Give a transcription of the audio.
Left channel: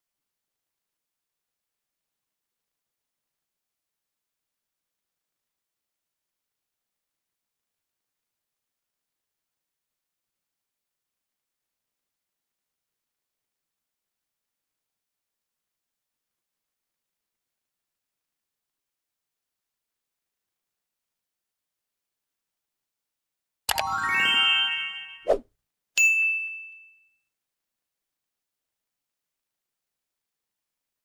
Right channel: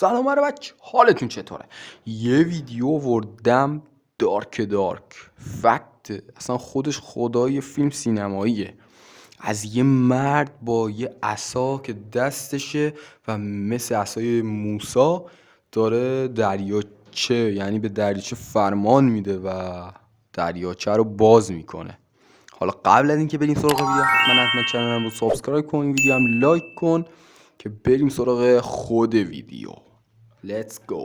سلام بچه، حالتون چطوره؟ یه ویدیو وردم دارک فکت اصلا خودش خدای فیلم سینماییه. از یه مرد با یه عصا که دستشه و مثل عصای موسی داره دریاچه، یعنی به دریاچه فرمان میده و دریاچه رو باز میکنه. حالا قبل از اینکه بریم سراغ ویدیو، من حتما چنلم رو سابسکرایب کن، این ویدیو هم لایک کن که بریم سراغ خود ویدیو. Let's go.